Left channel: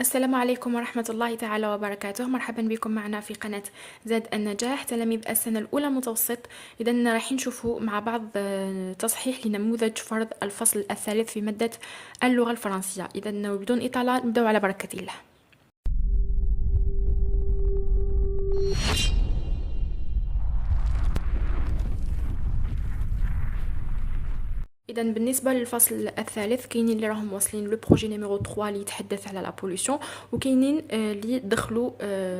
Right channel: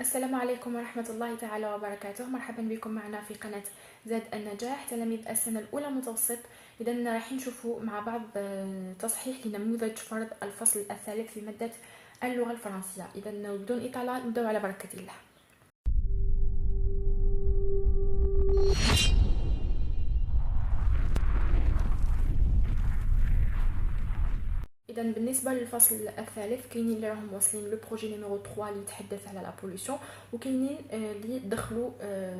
السلام عليكم ورحمة الله تعالى وبركاته. مرحبا بكم معنا في قناة زاد النجاح تلاميذ السنة الأولى متوسط. إذا راح نشوفوا مع بعض تصحيح لنموذج فرض الفصل الثالث في مادة اللغة الفرنسية. إذا بدون إطالة نبدأ على بركة الله. إذا بالنسبة للفصل الثالث كاينين اللي راهم واصلين لو بروجي نيميرو 3 اللي يتحدث على لا بوليسيون، وكاينين اللي دخلوا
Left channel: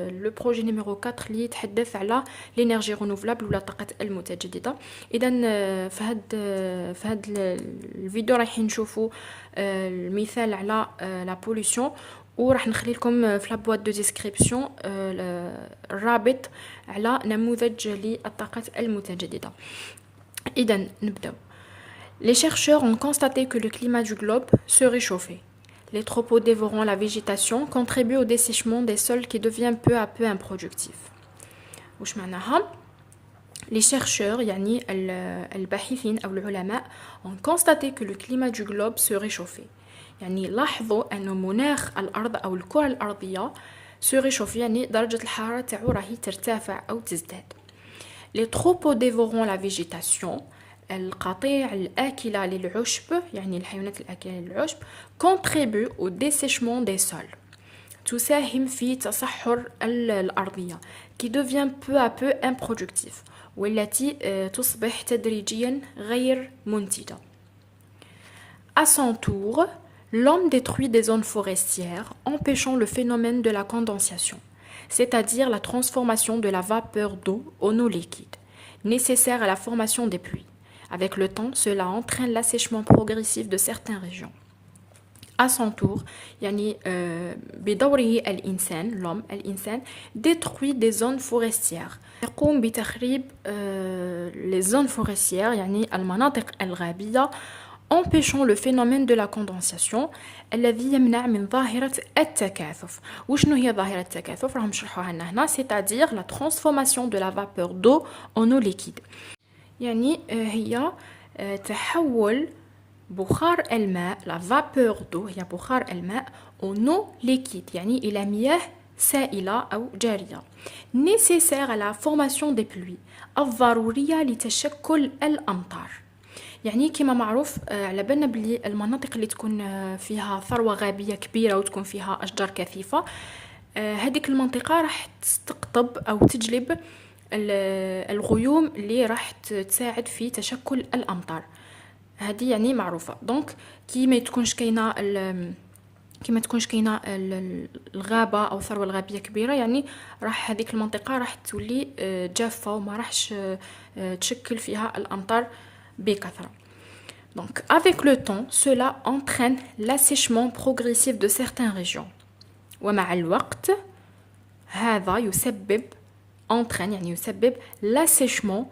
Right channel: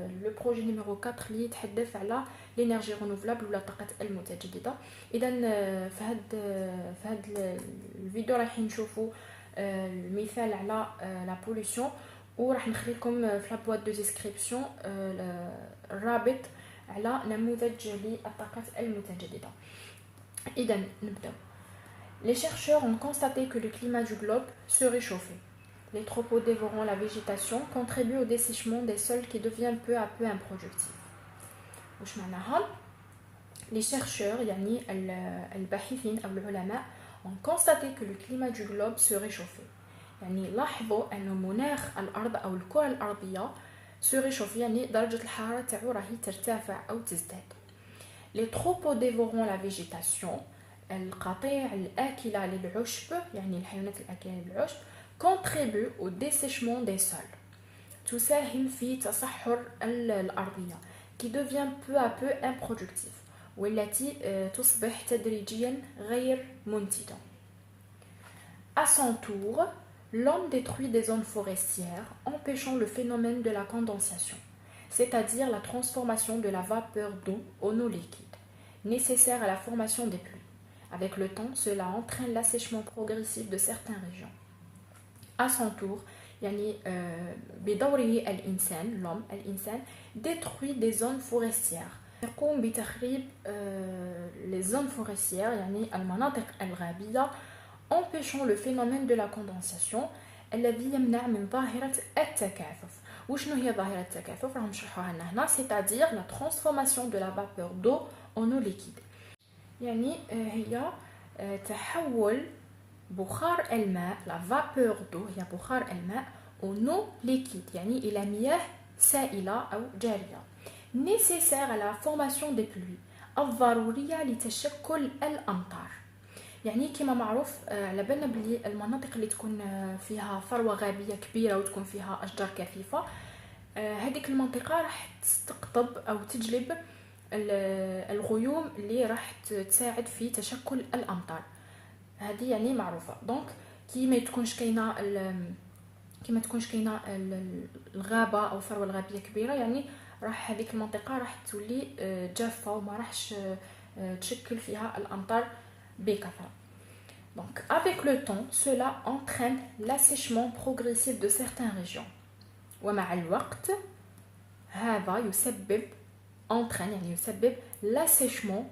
لو بروجي نيميرو 4 اللي يتحدث على لينيرجي رينوفلابل ولا الطاقة المتجددة. إذا في هاد الفيديو راح نشوفوا المثال على لا بوليسيون، وراح نخلي لكم في لابوات دو ديسكريبسيون الرابط على نموذج للطاقة المتجددة. إذا نبدأ. Les chercheurs ont constaté que le climat du globe se réchauffait. Les troupeaux dévorant la végétation contribuent au dessèchement des sols qui devient peu à peu improductif. وش معناها؟ Les chercheurs يعني الباحثين أو العلماء ont constaté que le climat du globe se réchauffait. يعني لاحظوا أن مناخ الأرض أو الكرة الأرضية se réchauffe، يعني درجة الحرارة تاعو راهي ترتفع أو تزداد. Les troupeaux dévorant la végétation، القطيع الآكلة للعشب يعني الحيوانات الآكلة للعشب contribue au dessèchement des sols، تساهم في تصحر الأرضية qui devient peu à peu improductif، والتي تصبح تدريجيا غير منتجة. À son tour, l'homme détruit des zones forestières empêchant le phénomène de la condensation, c'est-à-dire la transformation de la vapeur d'eau en eau liquide, nécessaire à la formation des pluies. Avec le temps, cela entraîne l'assèchement progressif de certaines régions. À son tour, يعني بدوره الإنسان l'homme الإنسان détruit des zones forestières. يقوم بتخريب les zones forestières يعني المناطق الغابية empêchant le phénomène de la condensation الذي يمنع من ظاهرة التكاثف. وشنو هي ظاهرة التكاثف؟ راهم نشرحوها لنا هنا، c'est-à-dire la transformation de la vapeur d'eau en eau liquide. يعني هي تحول بخار الماء لا فابور دو، هي بخار الماء en eau liquide يعني إلى مياه سائلة أو جارية، nécessaire à la formation des pluies، الضرورية لتشكل الأمطار. يعني كما معروف على بالنا بلي المناطق اللي تكون فيها ثروة غابية كبيرة وتكون فيها أشجار كثيفة، هذيك المنطقة راح تستقطب أو تجلب الغيوم اللي راح تساعد في تشكل الأمطار. هذه يعني معروفة. دونك كي ما تكونش كاينه الغابة أو الثروة الغابية كبيرة، يعني راح هذيك المنطقة راح تولي جافة وما راحش تشكل فيها الأمطار بكثرة. Donc avec le temps, cela entraîne l'assèchement progressif de certaines régions. ومع الوقت هذا entraîne يعني يسبب l'assèchement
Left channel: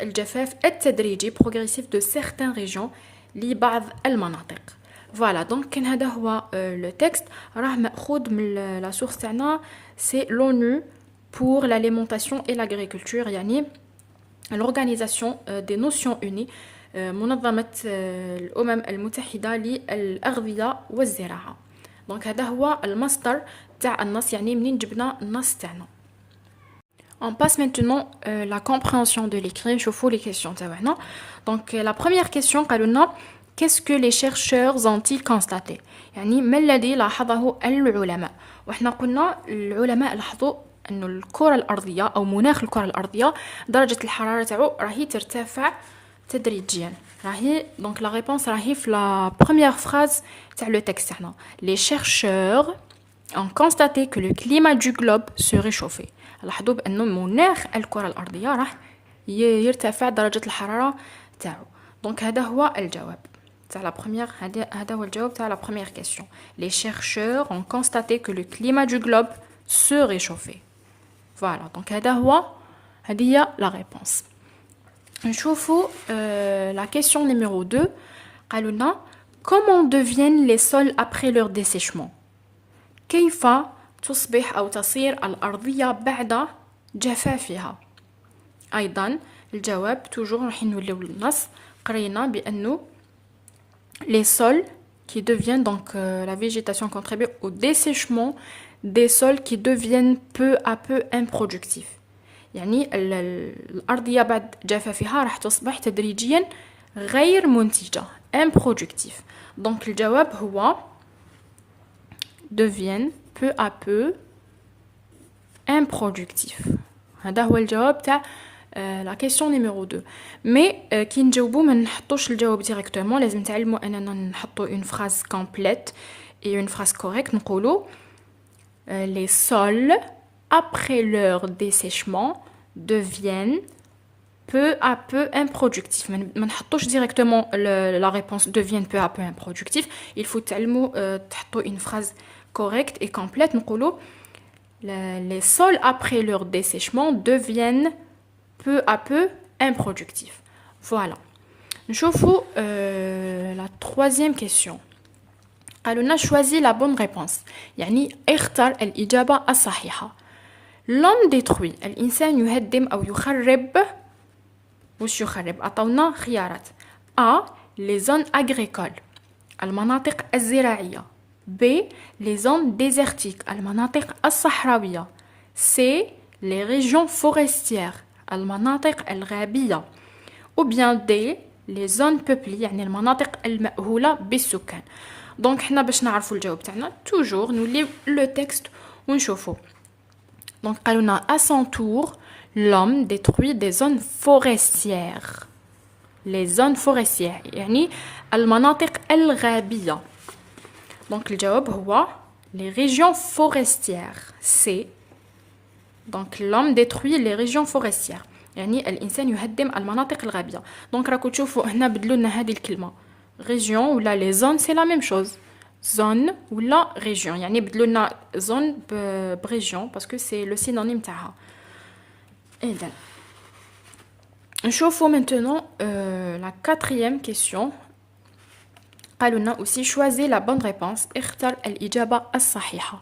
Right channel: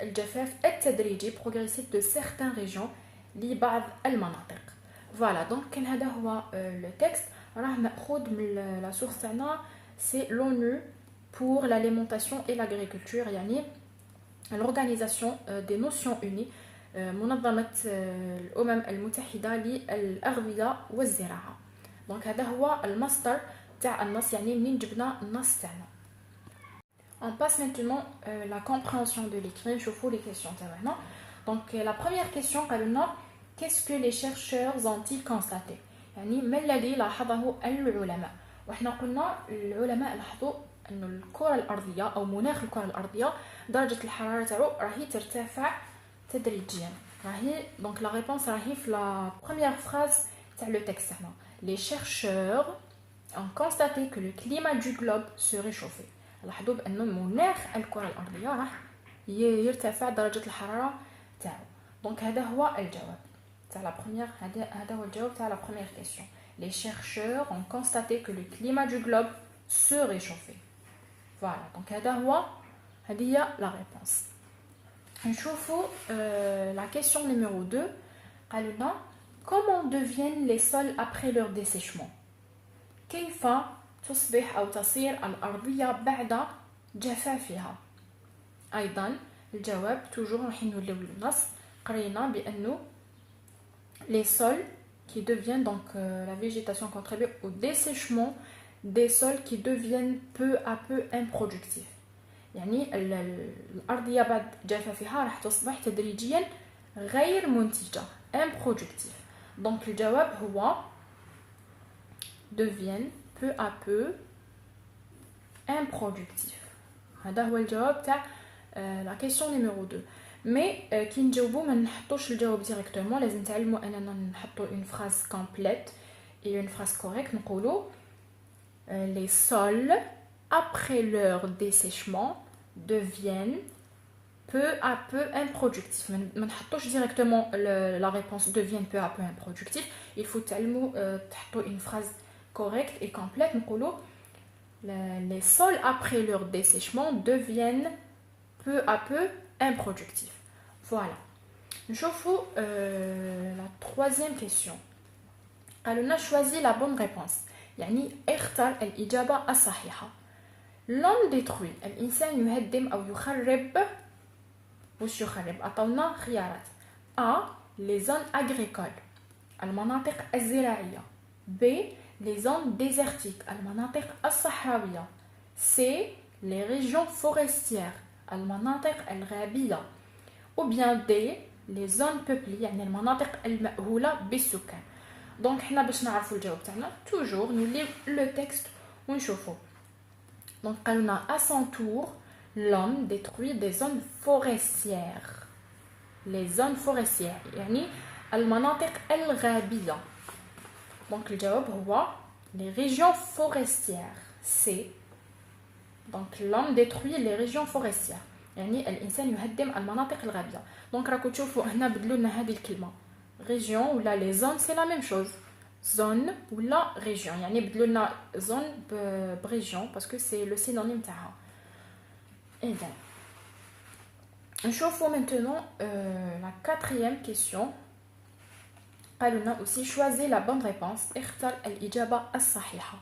الجفاف التدريجي progressif de certaines régions لبعض المناطق. فوالا دونك كان هذا هو لو تكست، راه ماخوذ من لا سورس تاعنا سي لونو pour l'alimentation et l'agriculture، يعني l'organisation des Nations Unies، منظمة الأمم المتحدة للأغذية والزراعة. دونك هذا هو المصدر تاع النص، يعني منين جبنا النص تاعنا. On passe maintenant la compréhension de l'écrit. نشوفوا les questions تاعنا. Donc la première question قالوا لنا qu'est-ce que les chercheurs ont-ils constaté؟ يعني ما الذي لاحظه العلماء؟ وإحنا قلنا العلماء لاحظوا أن الكرة الأرضية أو مناخ الكرة الأرضية درجة الحرارة تاعو راهي ترتفع تدريجيا. راهي donc la réponse راهي في la première phrase تاع le texte تاعنا. Les chercheurs ont constaté que le climat du globe se réchauffait. لاحظوا بأنه مناخ الكرة الأرضية راح يرتفع درجة الحرارة تاعو. دونك هذا هو الجواب تاع لا بروميير، هذا هو الجواب تاع لا بروميير كيسيون. Les chercheurs ont constaté que le climat du globe se réchauffait. فوالا دونك هذه هي لا ريبونس. نشوفوا la question numéro 2. قالوا لنا comment deviennent les sols après leur dessèchement؟ كيف تصبح أو تصير الأرضية بعد جفافها؟ أيضا الجواب توجور راح نوليو للنص، قرينا بأنه les sols qui deviennent donc la végétation contribue au dessèchement des sols qui deviennent peu à peu improductifs. يعني الأرضية بعد جفافها راح تصبح تدريجيا غير منتجة improductive. Donc الجواب هو deviennent peu à peu improductifs. هذا هو الجواب تاع la question numéro 2. Mais كي نجاوبو ما نحطوش الجواب directement, لازم تعلموا اننا نحطو une phrase complète et une phrase correcte. نقولو les sols après leur dessèchement deviennent peu à peu improductifs. ما نحطوش directement la réponse deviennent peu à peu improductifs. Il faut تعلموا تحطو une phrase correcte et complète. نقولو les sols après leur dessèchement deviennent peu à peu improductifs. Voilà. نشوفوا la troisième question. قالوا لنا choisis la bonne réponse. يعني اختر الإجابة الصحيحة. L'homme détruit. الإنسان يهدم أو يخرب. وش يخرب؟ أعطونا خيارات. A. Les zones agricoles. المناطق الزراعية. B. Les zones désertiques. المناطق الصحراوية. C. Les régions forestières. المناطق الغابية. Ou bien D. Les zones peuplées. يعني المناطق المأهولة بالسكان. دونك حنا باش نعرفوا الجواب تاعنا توجور نوليو لو تكست ونشوفوا. دونك قالوا لنا à son tour l'homme détruit des zones forestières. les zones forestières يعني المناطق الغابية. دونك الجواب هو les régions forestières. c'est donc l'homme détruit les régions forestières يعني الانسان يهدم المناطق الغابية. دونك راكم تشوفوا هنا بدلوا لنا هذه الكلمة région ou là les zones c'est la même chose. zone ou la région يعني بدلوا لنا zone région parce que c'est le synonyme تاعها. إذن نشوفوا maintenant la quatrième question. قالوا لنا aussi choisis la bonne réponse. اختر الإجابة الصحيحة.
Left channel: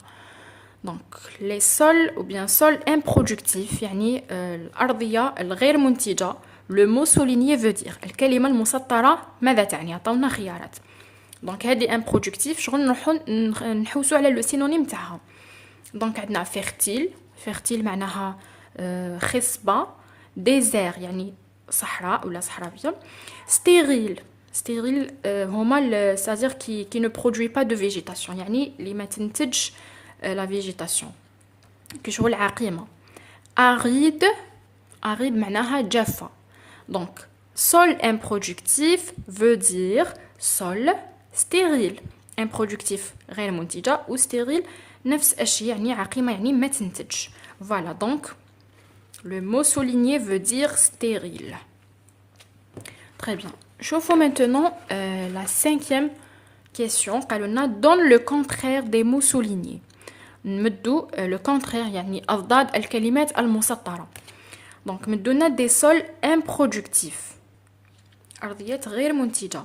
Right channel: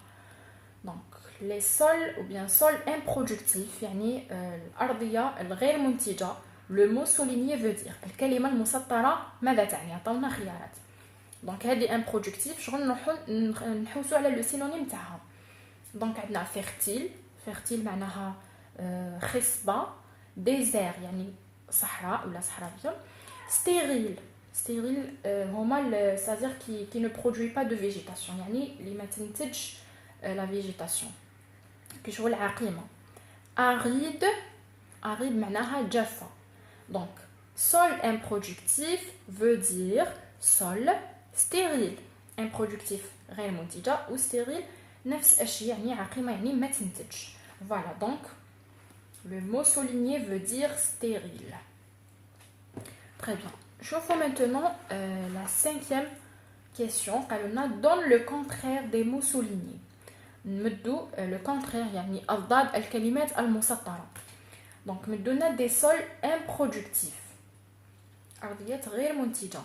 donc les sols ou bien sols improductifs يعني الأرضية الغير منتجة. le mot souligné veut dire الكلمة المسطرة ماذا تعني؟ عطاونا خيارات. دونك هذه improductif شغل نروحو نحوسو على لو سينونيم تاعها. دونك عندنا fertile معناها خصبة. désert يعني صحراء ولا صحراوية. stérile هما c'est-à-dire qui ne produit pas de végétation يعني اللي ما تنتج la végétation كي شغل عقيمة. aride معناها جافة. donc sol improductif veut dire sol stérile. improductif غير منتجة و stérile نفس الشيء يعني عقيمة يعني ما تنتج. voilà donc le mot souligné veut dire stérile. très bien. شوفوا maintenant la cinquième question. قالوا لنا donne le contraire des mots soulignés. نمدو le contraire يعني أضداد الكلمات المسطرة. donc مدو لنا des sols improductifs أرضيات غير منتجة.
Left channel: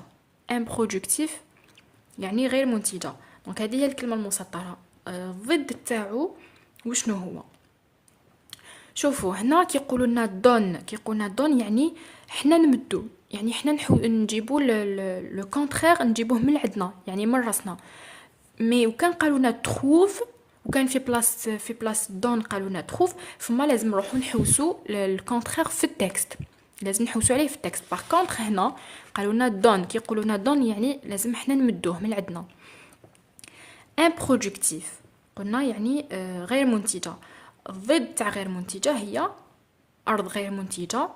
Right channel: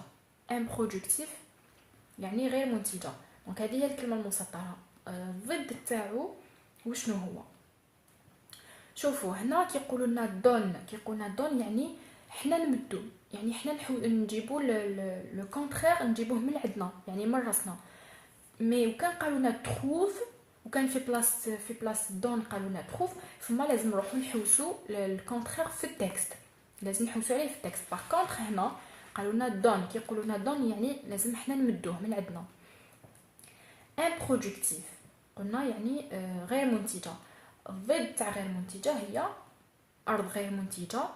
improductif يعني غير منتجة. دونك هذه هي الكلمة المسطرة. ضد تاعو وشنو هو؟ شوفوا هنا كيقولوا لنا دون يعني حنا نمدو يعني حنا نجيبوا لو كونترير نجيبوه من عندنا يعني من راسنا. مي وكان قالوا لنا تروف وكان في بلاص دون قالوا لنا تروف فما لازم نروحوا نحوسوا الكونترير في التكست. لازم نحوسوا عليه في التكست. باغ كونطخ هنا قالوا لنا دون كي يقولوا لنا دون يعني لازم حنا نمدوه من عندنا. improductif قلنا يعني غير منتجة. الضد تاع غير منتجة هي أرض غير منتجة.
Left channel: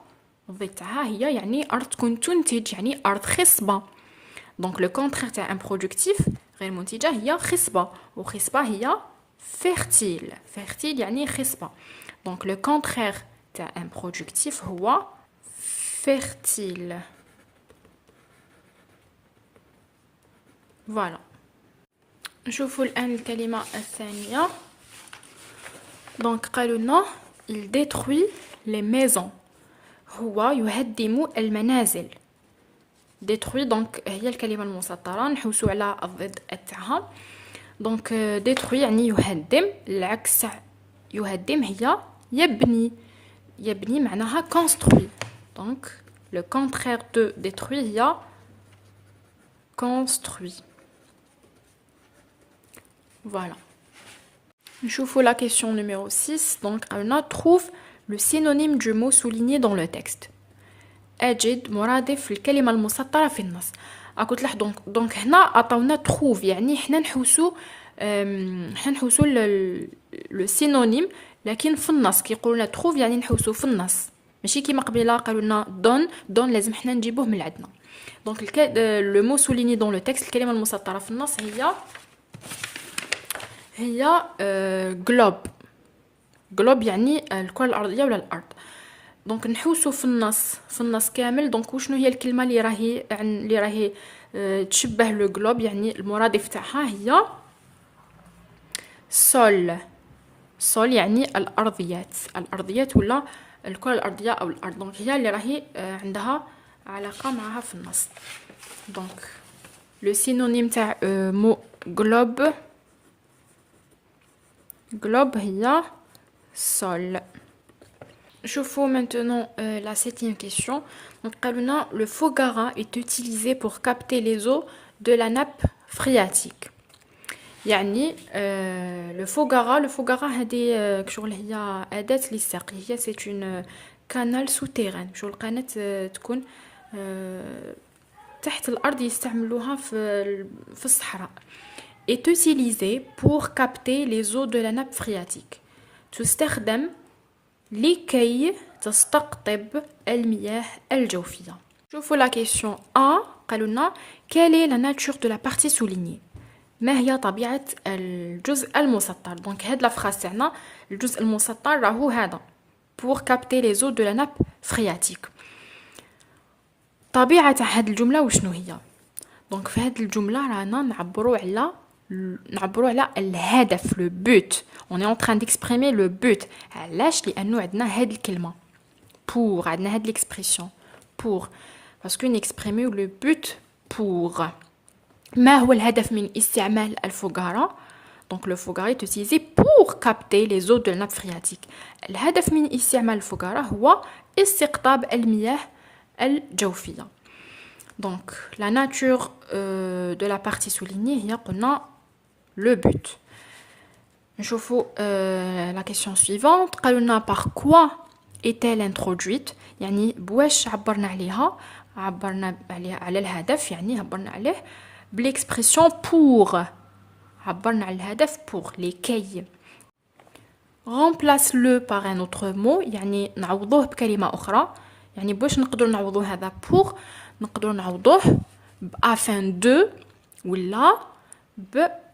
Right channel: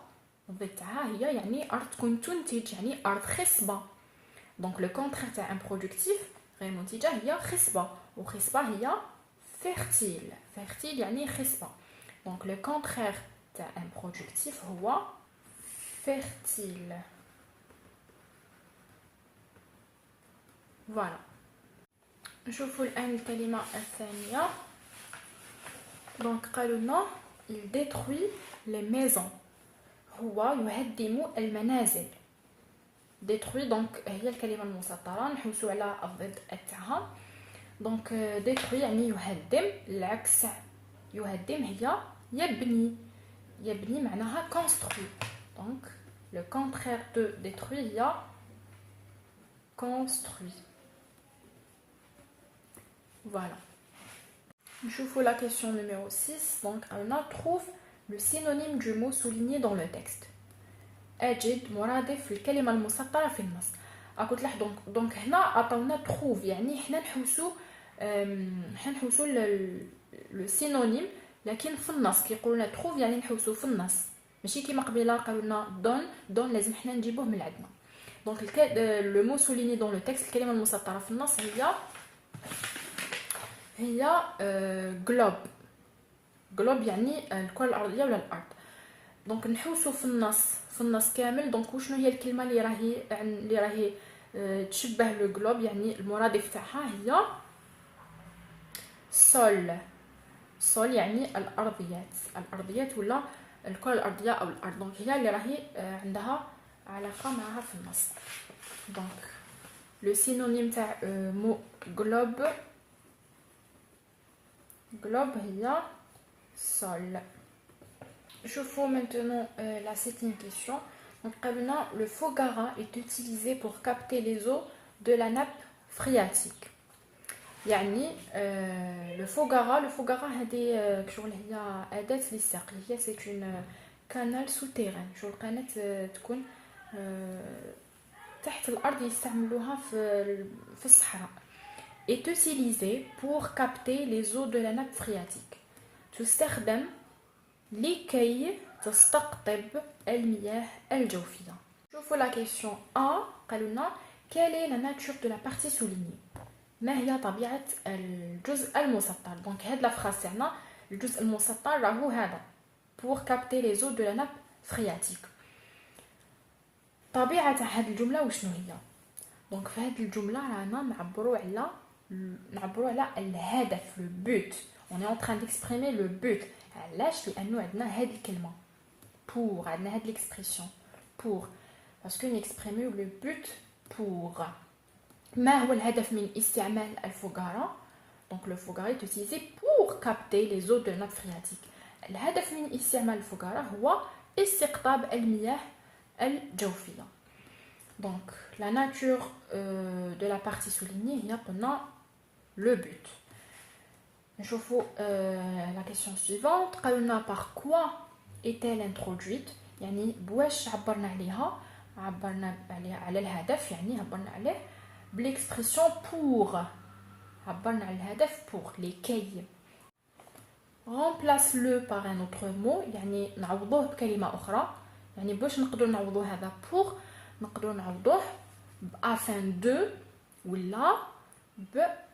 الضد تاعها هي يعني أرض تكون تنتج يعني أرض خصبة. دونك لو كونترير تاع improductif غير منتجة هي خصبة وخصبة هي fertile يعني خصبة. دونك لو كونترير تاع improductif هو fertile. voilà. نشوفوا الآن الكلمة الثانية. دونك قالوا لنا il détruit les maisons. هو يهدم المنازل. détruit دونك هي الكلمة المسطرة نحوسوا على الضد تاعها. دونك détruit يعني يهدم. العكس يهدم هي يبني معناها construit. دونك le contraire de détruit هي construit. Voilà. نشوفوا la question numéro 6. Donc, on trouve le synonyme du mot souligné dans le texte. أجد مرادف الكلمة المسطرة في النص. قلت لك دونك هنا عطاونا تروف، يعني حنا نحوسو لو سينونيم لكن في النص. كيقولوا لنا تروف يعني نحوسو في النص، ماشي كيما قبيله قالوا لنا دون لازم حنا نجيبوه من عندنا. دونك لو مو سوليني دون لو تكست، الكلمه المسطره في النص هي جلوب يعني الكره الارضيه ولا الارض. دونك نحوسو في النص كامل. دونك وشنو هي الكلمه اللي راهي تشبه لو جلوب، يعني المرادف تاعها هي سول يعني الارضيات ولا الكره الارضيه او الارض. دونك هي اللي راهي عندها علاقه معها في النص. دونك لو سينونيم تاع مو جلوب هي sol. Chauffons maintenant la 7e question. Donc, le Foggara est utilisé pour capter les eaux de la nappe phréatique. يعني le Foggara هذه كشغل هي أداة للسقي. هي c'est une canal souterrain. شغل قناة تكون تحت الأرض، يستعملوها في الصحراء. est utilisé pour capter les eaux de la nappe phréatique. تستخدم لكي تستقطب المياه الجوفية. شوفوا la question A. قالوا لنا quelle est la nature de la partie soulignée. ما هي طبيعة الجزء المسطر. دونك هاد لا فراس تاعنا الجزء المسطر راهو هذا pour capter les eaux de la nappe phréatique. طبيعة هاد الجملة وشنو هي؟ دونك في هاد الجملة رانا نعبروا على الهدف، لو بوت. on est en train d'exprimer le but. علاش؟ لانه عندنا هاد الكلمه pour، عندنا هاد l'expression pour parce que نexprimer le but pour. ما هو الهدف من استعمال الفوغارا؟ donc le foggara est utilisé pour capter les eaux de la nappe phréatique. الهدف من استعمال الفوغارا هو استقطاب المياه الجوفيه. donc la nature de la partie soulignée هي قلنا le but. نشوفوا la question suivante. قالوا par quoi est-elle introduite. يعني بواش عبرنا عليها على الهدف، يعني عبرنا عليه بالexpression pour. عبرنا على الهدف pour لكي. remplace le par un autre mot، يعني نعوضوه بكلمة أخرى. يعني بواش نقدر نعوضوه هذا pour، نقدر نعوضوه afin de ولا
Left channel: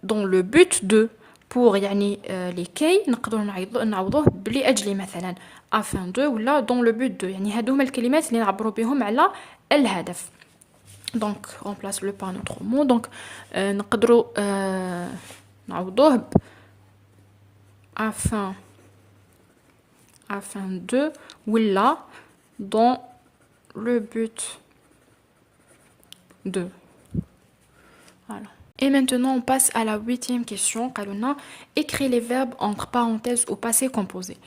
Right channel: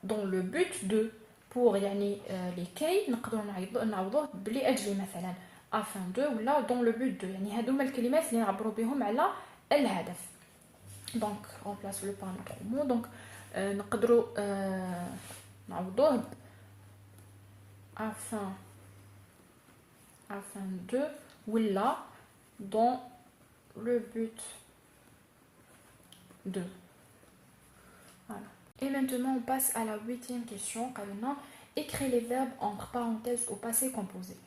dans le but de. pour يعني لكي نقدر نعوضوه لأجل مثلا afin de ولا dans le but de. يعني هادو هما الكلمات اللي نعبروا بهم على الهدف. donc remplace le par notre mot. donc نقدروا نعوضوه afin de ولا dans le but de. voilà. Et maintenant, on passe à la 8e question. قالوا écris les verbes entre parenthèses au passé composé.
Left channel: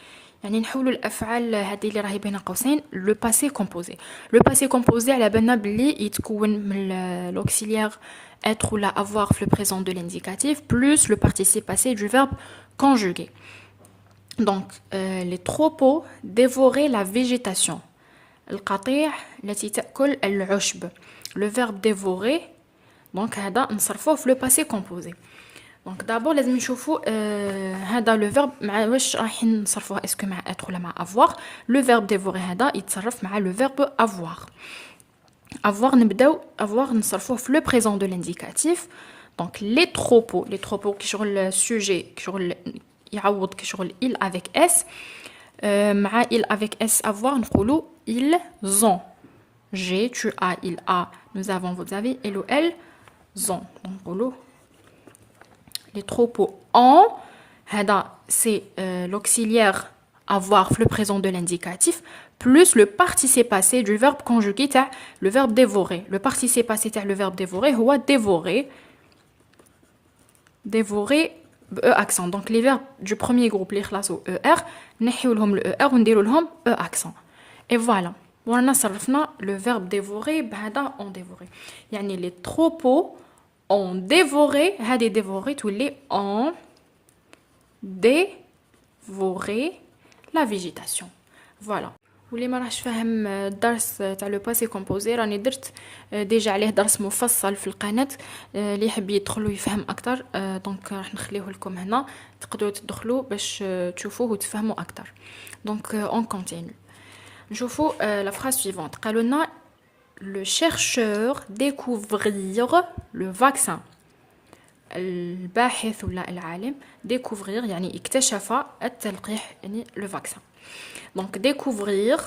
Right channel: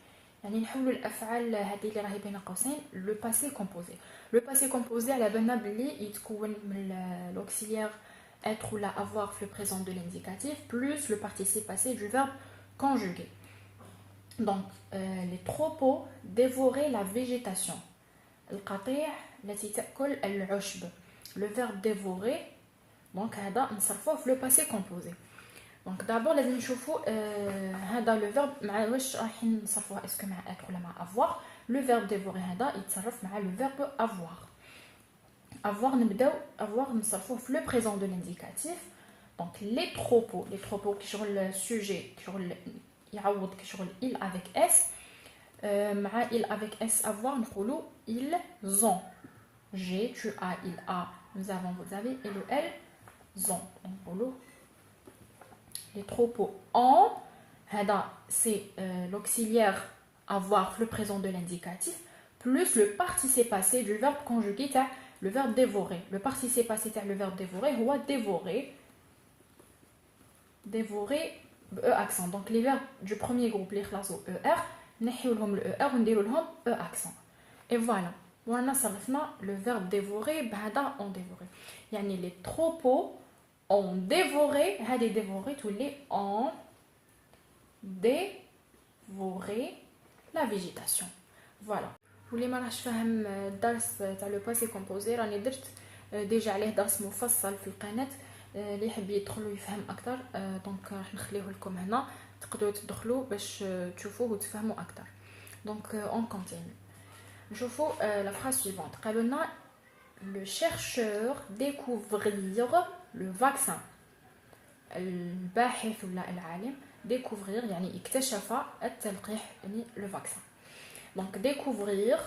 يعني نحولوا الأفعال هذه اللي راهي بين قوسين le passé composé. le passé composé على بالنا بلي يتكون من l'auxiliaire être ou la avoir في le présent de l'indicatif plus le participe passé du verbe conjugué. donc les troupeaux dévoraient la végétation. القطيع التي تأكل العشب. le verbe dévorer donc هذا نصرفوه في le passé composé. donc d'abord لازم نشوفوا هذا le verbe مع واش رايحين نصرفوه، اسكو مع être ولا مع avoir. le verbe dévorer هذا يتصرف مع le verbe avoir. نبداو avoir نصرفوه في le présent de l'indicatif. donc les troupeaux كي شغل sujet كي شغل يعوض كي شغل il avec s. مع il avec s avoir نقولوا ils ont. j'ai, tu as, il a, nous avons, vous avez, elle ou elles ont. donc les troupeaux ont. c'est l'auxiliaire avoir le présent de l'indicatif plus le participe passé du verbe conjugué le verbe dévorer. le participe passé le verbe dévorer هو dévorer e accent. donc les verbes du premier groupe les خلاصوا er نحيو لهم le er ونديروا لهم e accent. et voilà. ورانا صرفنا le verbe dévorer بهذا on dévorer. يعني les troupeaux ont dévoré هذه dévoré تولي ont dévoré la végétation. Voilà. واللي ما راحش فاهم الدرس تاع لو باسي كومبوزي راني درت ديجا عليه درس مفصل في القناه اللي يحب يدخل ويفهم اكثر دونك راح نخليه لكم هنا تقدروا تدخلوا باش تشوفوه وتفهموا اكثر. دونك اون كونتينيو نشوفوا لا فراز سويفونت. قالوا لنا le chercheur découvrir le vaccin. الباحث ولا العالم découvrir يعني اكتشف التلقيح يعني le vaccin. Donc découvrir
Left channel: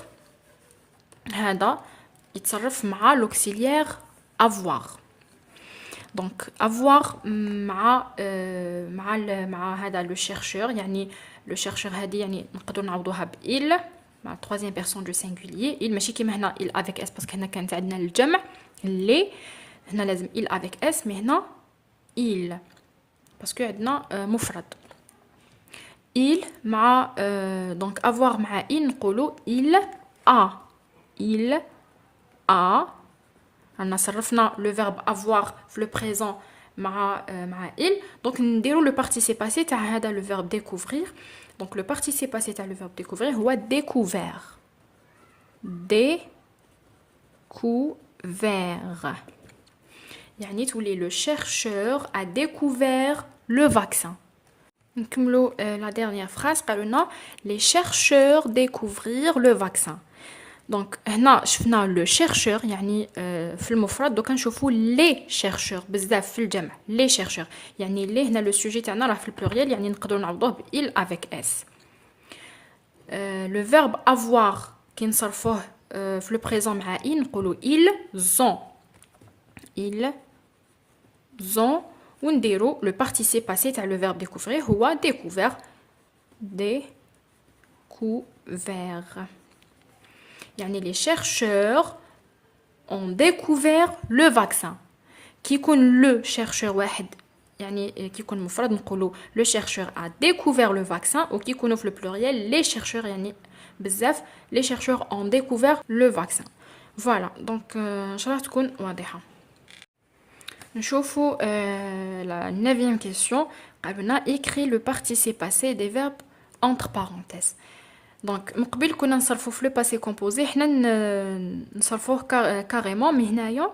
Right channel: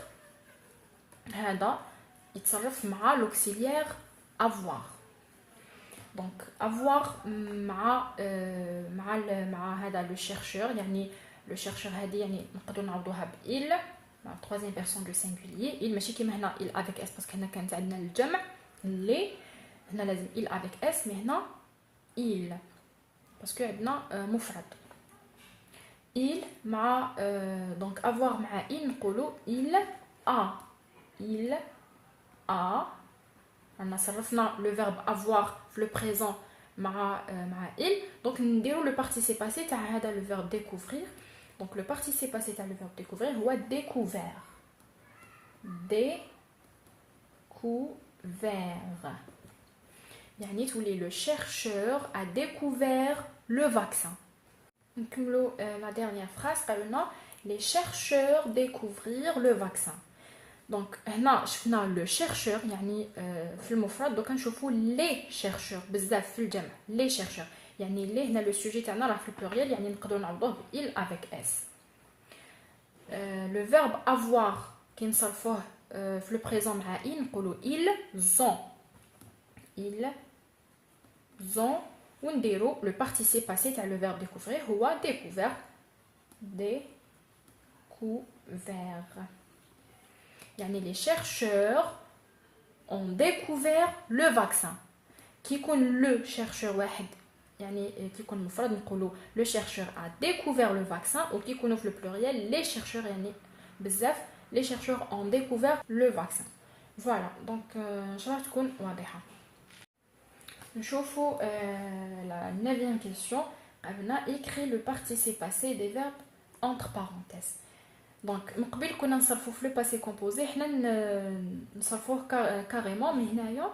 هذا يتصرف مع l'auxiliaire avoir. Donc avoir مع هذا le chercheur يعني le chercheur هذه يعني نقدر نعوضوها ب il مع troisième personne du singulier. il ماشي كيما هنا il avec s parce que هنا كانت عندنا الجمع اللي هنا لازم il avec s mais هنا il parce que عندنا مفرد. il مع donc avoir مع il نقولوا il a أنا صرفنا le verbe avoir في le présent مع il donc نديروا le participe passé تاع هذا le verbe découvrir. Donc le participe passé تاع le verbe découvrir هو découvert. découvert يعني تولي le chercheur a découvert le vaccin. نكملوا la dernière phrase. قالوا لنا les chercheurs découvrir le vaccin. دونك هنا شفنا لو شيرشور يعني في المفرد دوكا نشوفوا لي شيرشور بزاف في الجمع لي شيرشور يعني لي هنا لو سوجي تاعنا راه في البلوريال يعني نقدروا نعوضوه ب il avec s. لو فيرب avoir كي نصرفوه في لو بريزون مع il نقولوا ils ont ونديروا لو بارتيسيب باسي تاع لو فيرب découvrir هو découvert. يعني les chercheurs ont découvert le vaccin. كي يكون le chercheur واحد يعني كي يكون مفرد نقولوا le chercheur a découvert le vaccin وكي يكونوا في البلوريال les chercheurs يعني بزاف les chercheurs ont découvert le vaccin. Voilà donc ان شاء الله تكون واضحه. نشوفوا la 9e question. قالنا écrit le participe passé des verbes entre parenthèses. دونك من قبل كنا نصرفوا في لو باسي كومبوزي حنا نصرفوه كاريمون مي هنايا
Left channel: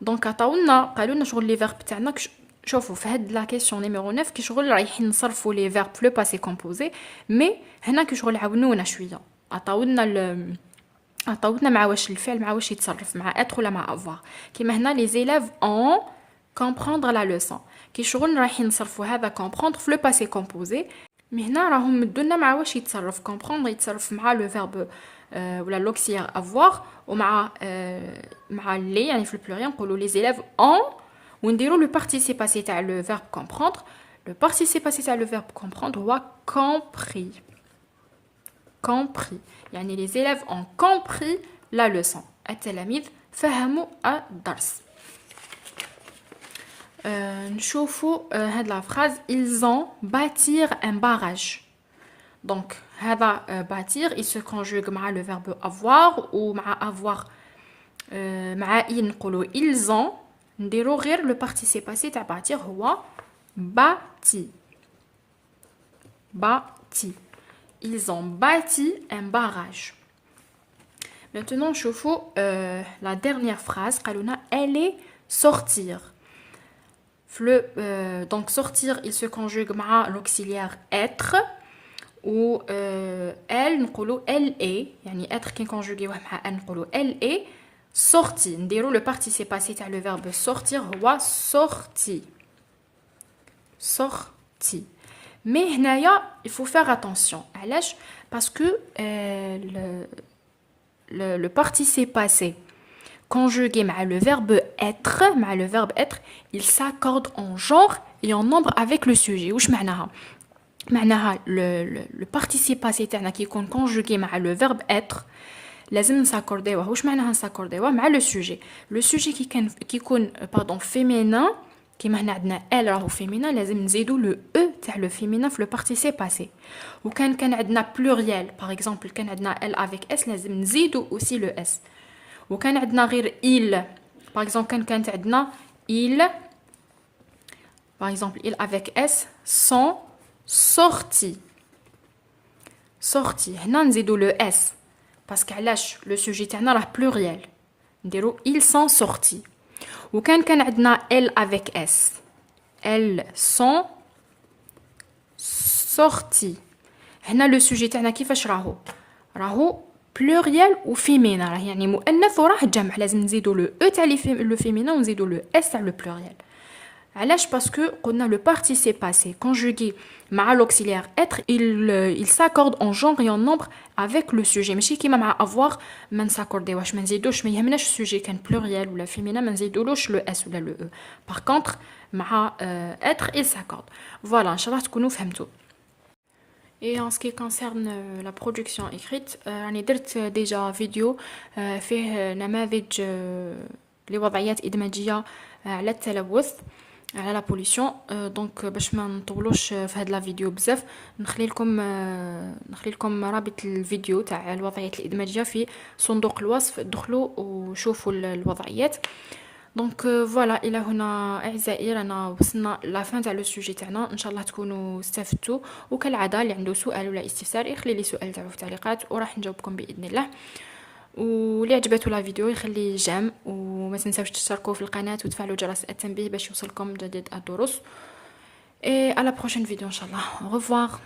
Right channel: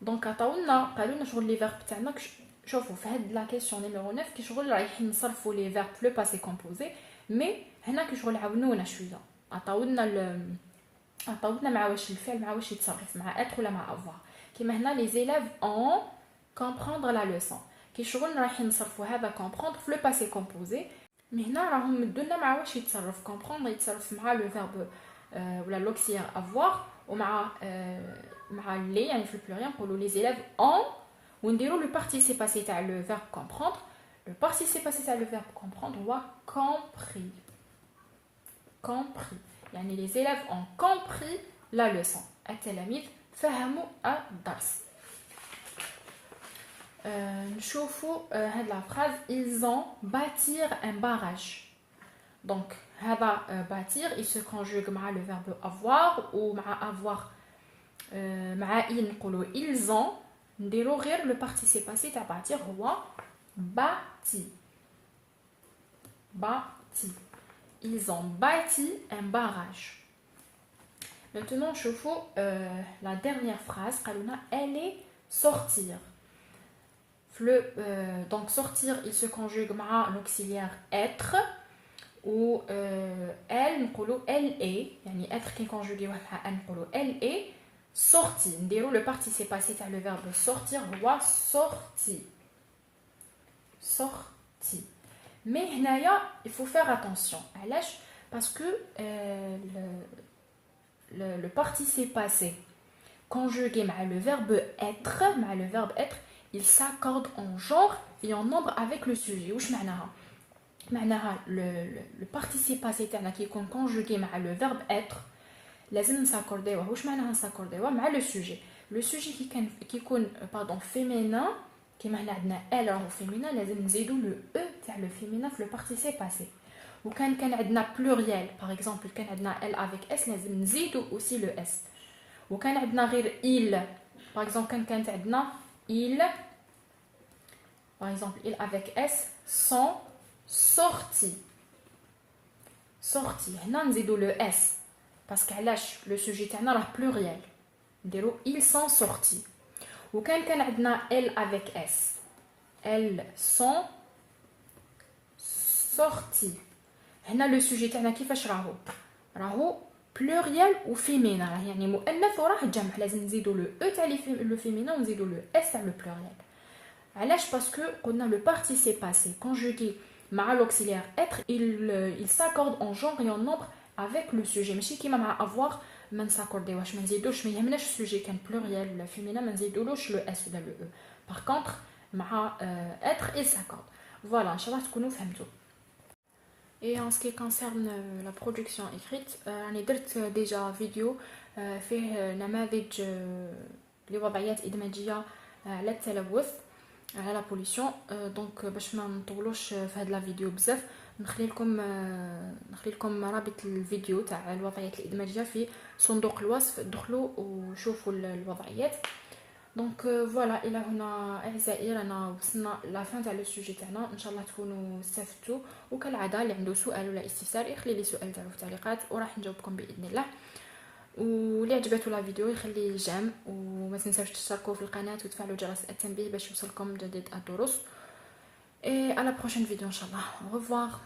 دونك عطاولنا قالوا لنا شغل لي فيرب تاعنا شوفوا في هاد لا كيسيون نيميرو 9 كي شغل رايحين نصرفوا لي فيرب في لو باسي كومبوزي مي هنا كي شغل عاونونا شويه عطاولنا مع واش الفعل مع واش يتصرف مع اتر ولا مع افوار كيما هنا لي زيلاف اون كومبروندر لا لوسون كي شغل رايحين نصرفوا هذا كومبروندر في لو باسي كومبوزي مي هنا راهم مدونا مع واش يتصرف كومبروندر يتصرف مع لو فيرب ولا لوكسيير افوار ومع مع لي يعني في البلوريال نقولوا لي زيلاف اون ونديروا لو بارتيسيب باسي تاع لو فيرب كومبروندر. لو بارتيسيب باسي تاع لو فيرب كومبروندر هو compris يعني لي زيلاف اون compris لا لوسون التلاميذ فهموا الدرس. نشوفوا هاد لا فراز ils ont bâtir un barrage. donc هذا bâtir il se conjugue مع le verbe avoir ou مع avoir مع il نقولوا ils ont نديروا غير le participe passé تاع bâtir هو bâti. ils ont bâti un barrage. maintenant نشوفوا la dernière phrase قالوا لنا elle est sortir. donc sortir il se conjugue مع l'auxiliaire être ou elle نقولوا elle est يعني être كي نكونجوغيوه مع elle نقولوا elle est sortie. نديروا le participe passé تاع le verbe sortir هو sorti. mais هنايا il faut faire attention علاش parce que le participe passé conjugué مع le verbe être il s'accorde en genre et en nombre avec le sujet. واش معناها le participe passé تاعنا كي يكون conjugué مع le verbe être لازم نساكورديوه. واش معناها نساكورديوه مع le sujet كي يكون féminin كيما هنا عندنا elle راهو féminin لازم نزيدو le e تاع le féminin في le participe passé. وكان عندنا pluriel par exemple كان عندنا elle avec s لازم نزيدو aussi le s. وكان عندنا غير il par exemple كانت عندنا il Par exemple, il avec S sont sortis. Sortis. هنا نزيدو le S. Parce que le sujet تاعنا راه pluriel. نديرو ils sont sortis. وكان عندنا elle avec S. Elles sont sorties. هنا le sujet تاعنا كيفاش راهو pluriel و féminin. راه يعني مؤنث وراه جمع. لازم نزيدو le E تاع le féminin ونزيدو le S تاع le pluriel. علاش باسكو قلنا le participe passé conjugué مع l'auxiliaire être il s'accorde en genre et en nombre avec le sujet ماشي كيما مع avoir ما نساكورديوش ما نزيدوش ما يهمناش السوجي كان pluriel ولا féminin ما نزيدولوش le S ولا le E. par contre مع être il s'accorde. voilà ان شاء الله تكونوا فهمتوا. Et en ce qui concerne la production écrite, راني درت déjà فيديو فيه نماذج لوضعيات إدماجية على التلوث على لا بوليسيون. دونك باش ما نطولوش في هاد لا فيديو بزاف نخلي لكم رابط الفيديو تاع الوضعيات الإدماجية في صندوق الوصف. دخلوا وشوفوا الوضعيات. دونك فوالا الى هنا اعزائي رانا وصلنا لا فان تاع لو سوجي تاعنا. ان شاء الله تكونوا استفدتوا وكالعاده اللي عنده سؤال ولا استفسار يخلي لي سؤال تاعو في التعليقات وراح نجاوبكم باذن الله. واللي عجبته لا فيديو يخلي جيم وما تنساوش تشتركوا في القناه وتفعلوا جرس التنبيه باش يوصلكم جديد الدروس. et à la prochaine vidéo ان شاء الله. au revoir.